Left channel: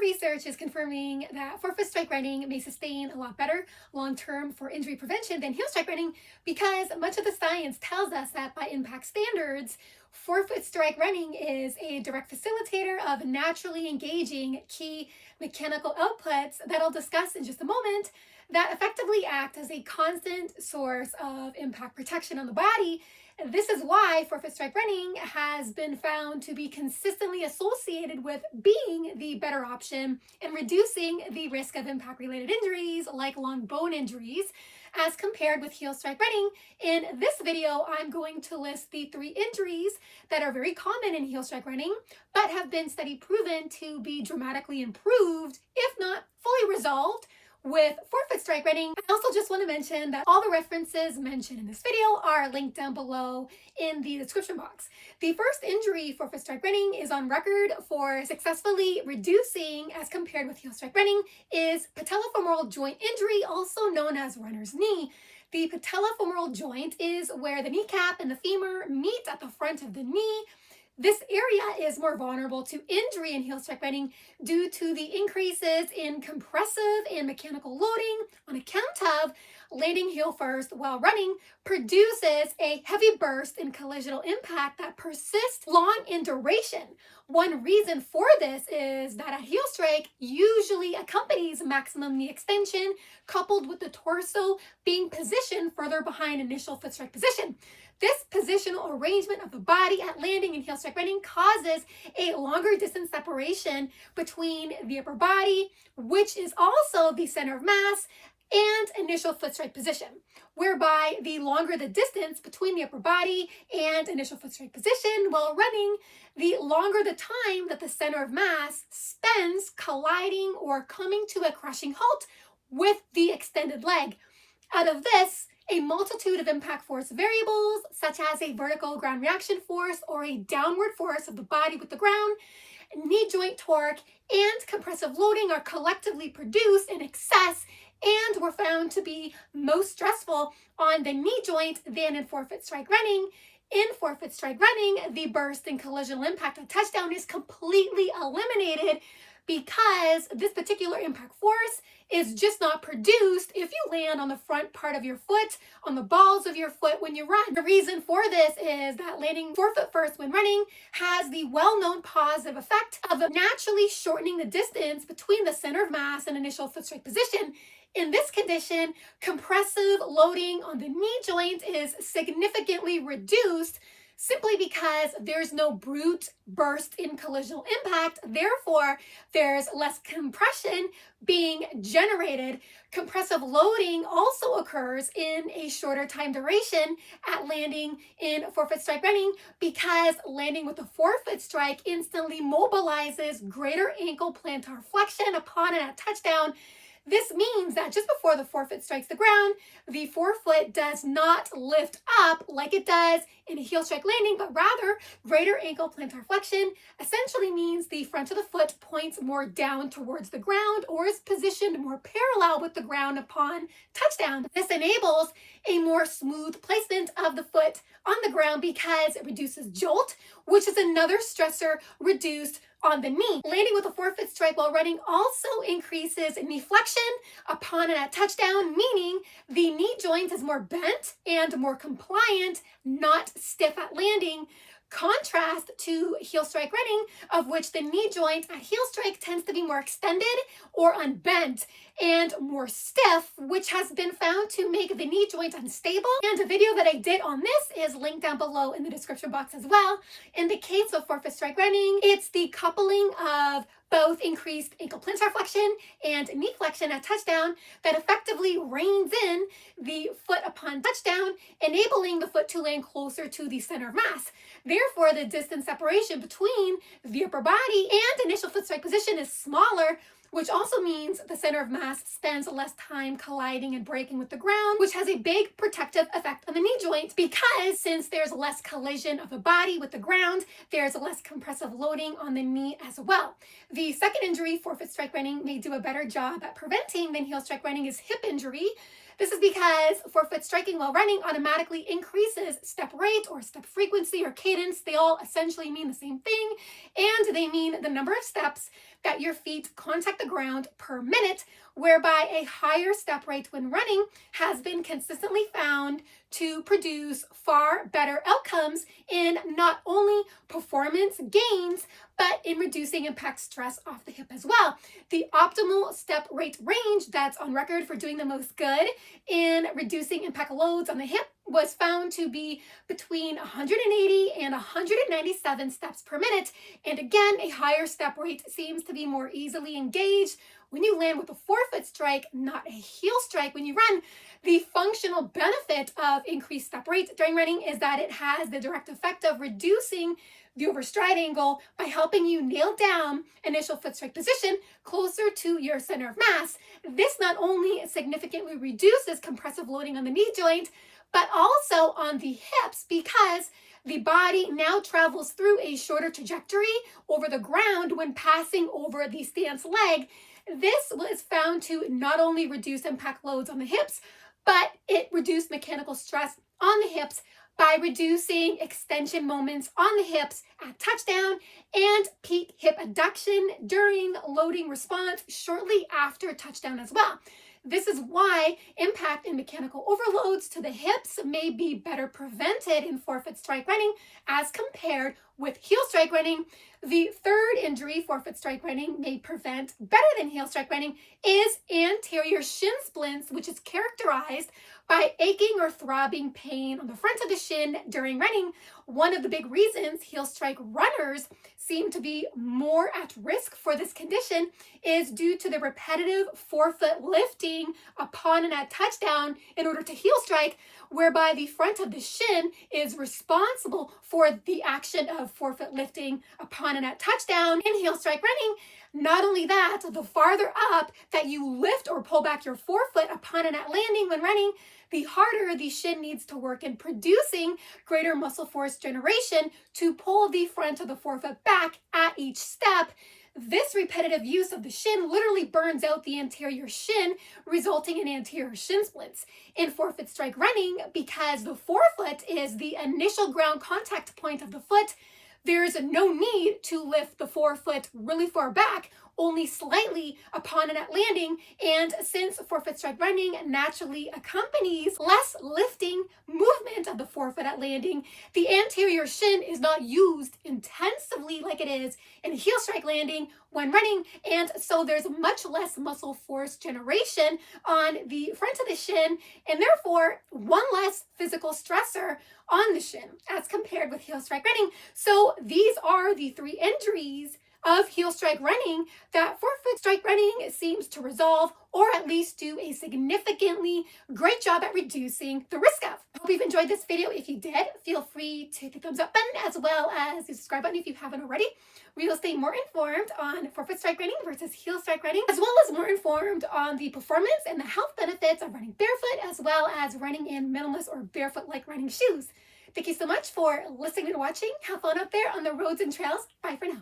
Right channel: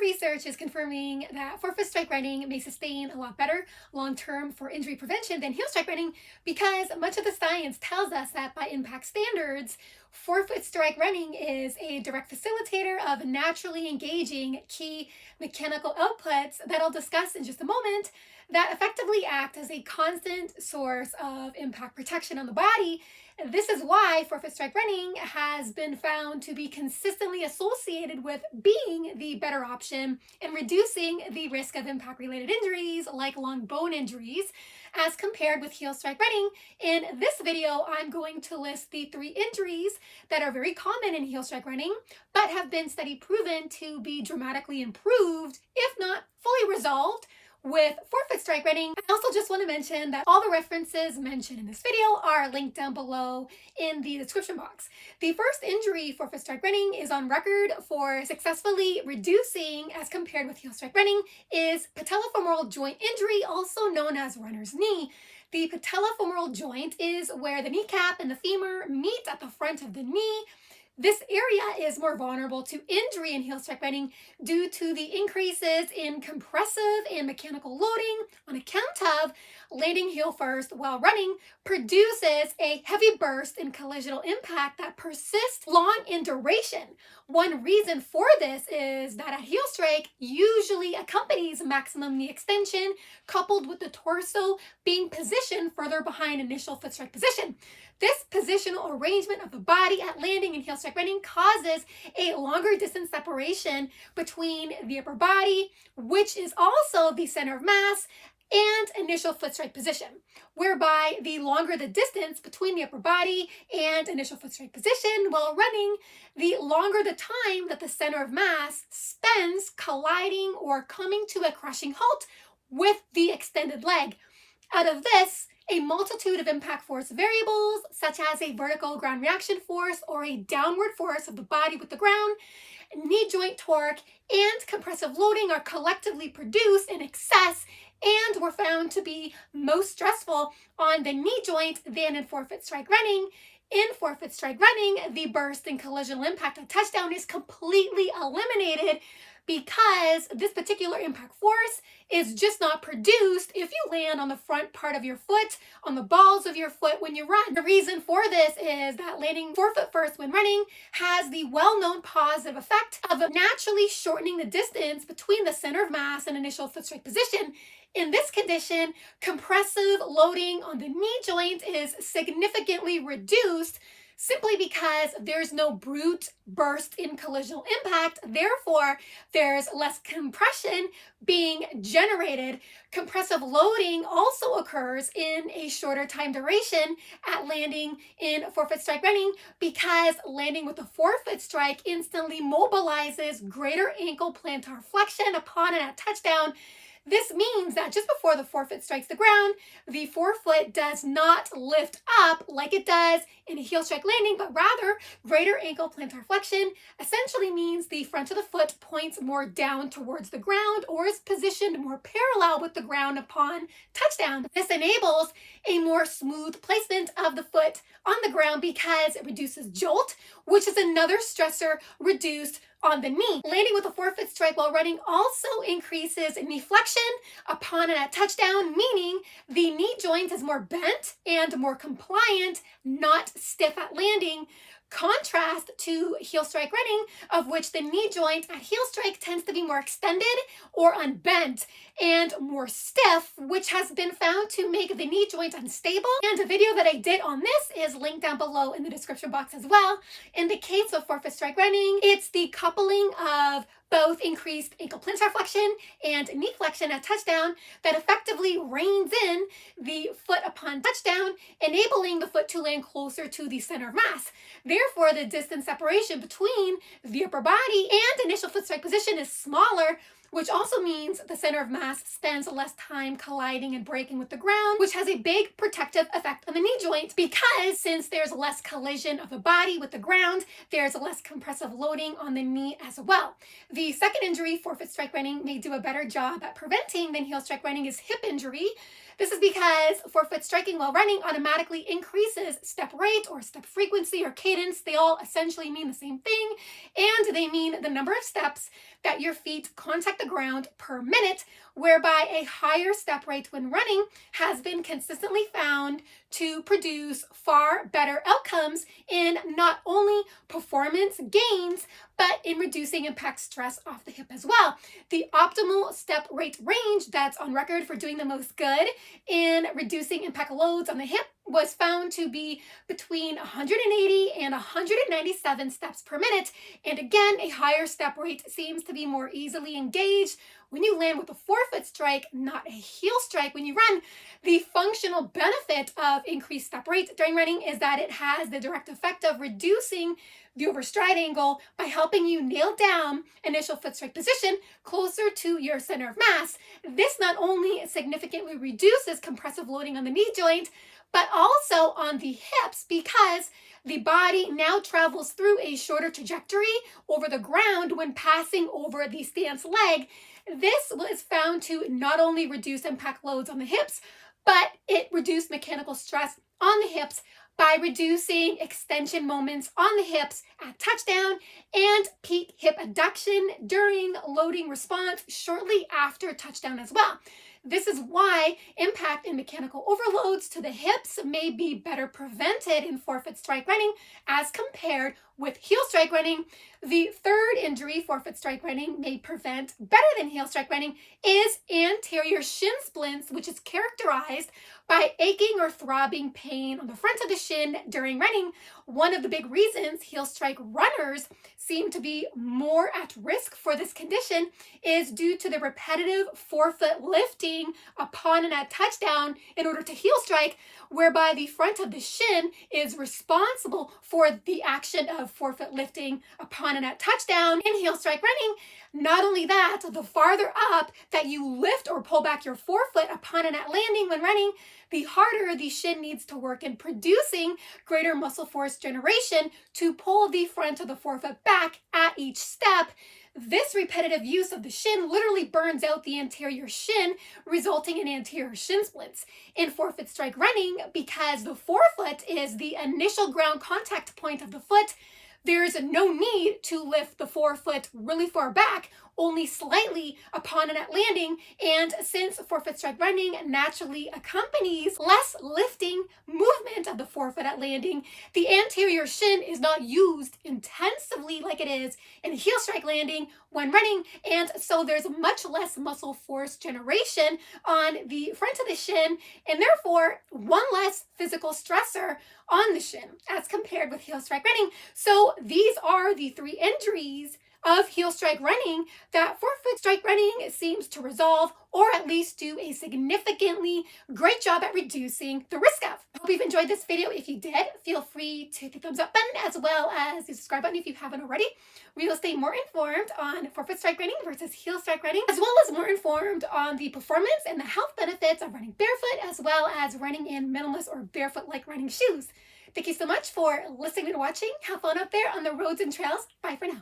research is confirming that forefoot strike running may sustain a lot better long term for injury prevention than heel strike running because much of the science tells us that by impact standards, forefoot strike running is a direct facilitator of naturally engaging key mechanical outputs that I'll discuss in just a moment that effectively act as a constant source of impact protection on the body. This is why forefoot strike running has been found to be consistently associated with being the better option in reducing the risk of impact related injuries like long bone injuries as compared with heel strike running. In this video, I'm going to list the 3 injuries that are very common in heel strike running but have been study proven to be dramatically improved, if not fully resolved, with forefoot strike running. I also just want to mention that all the references mentioned in this video are linked down below in the description box. The first injury forefoot strike running is on record for successfully reducing as compared with heel strike running is patellofemoral joint injury, also known as runner's knee. The patellofemoral joint is where the kneecap and the femur meet at the front of the knee. This area is more vulnerable to injury in heel strike running due to the increases in compressive and mechanical loading on account of landing heel first while running produces a heavy burst in collisional impact that persists long in duration. One reason for this is that a heel strike usually accompanies maximum knee extension coupled with the torso being positioned further behind initial foot strike position. This positional arrangement of the body at landing in heel strike running causes a longer distance separation between the upper body, which is also the center of mass, and initial foot strike position, whereby the longer the distance between the upper body and initial foot strike position while running, the longer the time that the center of mass spends colliding or coming to a crushing halt with the extended leg. Out of this, a multitude of impact force variables, such as a vertical ground reaction force or a downward force of the body with the ground, knee joint torque, and compressive loading are collectively produced in excess and were found to be most stressful on the knee joint than in forefoot strike running. In forefoot strike running, the burst in collisional impact on touchdown is completely eliminated because this particular impact force is just not produced if you land on the front part of your foot, on the balls of your foot when you run. The reason for this is that landing forefoot first when running has the well-known positive effect of naturally shortening the distance between the center of mass and initial foot strike position. In this condition, compressive loading on the knee joint is significantly reduced simply because there's no brute burst in collisional impact. Therefore, there's less compression being generated. Compressive loading also occurs in a shorter time duration at landing in forefoot strike running because landing with a forefoot strike instantly mobilizes greater ankle plantar flexion upon a touchdown. This means that just before the forefoot strikes the ground, the forefoot does not lift up like it does in a heel strike landing, but rather greater ankle plantar flexion essentially means the front of the foot points more down towards the ground or is positioned more parallel with the ground upon touchdown. This enables a more smooth placement of the foot on the ground because it reduces jolt, which is another stressor reduced on the knee. Landing with a forefoot strike while running also increases knee flexion upon a touchdown, meaning the knee joint is more bent and more compliant, not stiff at landing. Contrast to heel strike running, of which the knee joint at heel strike tends to be more extended or unbent and more stiff, which has been found to make the knee joint unstable. And a video that I did on this is linked down below in the description box as well. In the case of forefoot strike running, it's the coupling of both increased ankle plantar flexion and knee flexion at touchdown that effectively reins in the foot upon touchdown, enabling the foot to land closer to the center of mass. Therefore, the distance separation between the upper body and initial foot strike position is smaller, which also means the center of mass spends less time colliding and breaking with the ground, which has a big protective effect on the knee joint because since there's less collision of the body with the ground, there's less compressive loading on the knee as well. The second injury forefoot strike running may do a better job at preventing than heel strike running is hip injury. This is because forefoot striking while running automatically increases step rate or step frequency or cadence. They all essentially mean the same thing, and they mean the number of steps that your feet contact the ground per minute, whereby a higher step rate when running has been consistently found to produce far better outcomes in not only performance gains, but in reducing impact stress off the hip as well. The optimal step rate range that's on record for doing the most good in reducing impact loads on the hip was found to be between 180 and 197 steps per minute. And again, a higher step rate seems to be more easily engaged when you land with a forefoot strike, not a heel strike when you run. The functional benefit of increased step rate during running is that it has the direct effect of reducing the overstride angle by helping you nail down initial foot strike position closer to your center of mass. This not only significantly reduces compressive loading on the knee joint, but also on the hips, because the body now travels through a shorter trajectory over the ground when passing over the stance leg. This was found to not only reduce impact loads on the hips, but it reduced mechanical stress on the hips by reducing extension moments on the hips at touchdown and peak hip adduction during loading response shortly after touchdown as well. This is why impact and mechanical overloads to the hips may be better prevented in forefoot strike running as compared with heel strike running. The third injury forefoot strike running may prevent better than heel strike running is anterior shin splints, which is characterized by aching or throbbing pain on the front of the shin during running. One of the big reasons heel strike runners seem to be more at risk for this condition is due to the repetitive forefoot lifting upon and at touchdown in order to heel strike, whereby the front of the shin is responsible for the action of forefoot lifting upon and at touchdown in heel strike running. Not only that, the farther up that you lift or pull back your forefoot upon and at landing when running, the harder the shin needs to work in producing greater muscle force generation to pull the front of the forefoot back at each step. This repetitive use of the shin literally burns out the anterior shin, resulting in anterior shin splints. In forefoot strike running, because the forefoot is the initial ground contact point of the foot, there's no need to lift the forefoot really far back, only slightly upon and at landing. And since forefoot strike running naturally accompanies less lifting movement of the forefoot at landing, the anterior shin is not used intensively like it is in heel strike landing when running, and so there's much less muscle force generation on the front of the shin, and therefore one less physical stressor on the shin as compared with heel strike running. So these are the three injuries of heel strike running that forefoot strike running seems to resolve, or at least do a significantly great job at reducing the risk of. I hope you've enjoyed this video. If you did, feel free to hit the thumbs up button as well as the subscribe button if you haven't already. We will stay more informed on forefoot strike running versus heel strike running, as well as more informed on the performance and the health benefits of running barefoot, as well as running in minimalist or barefoot-like running shoes. Thank you so much for listening and watching. Have fun out there on the roads and trails. Bye for now.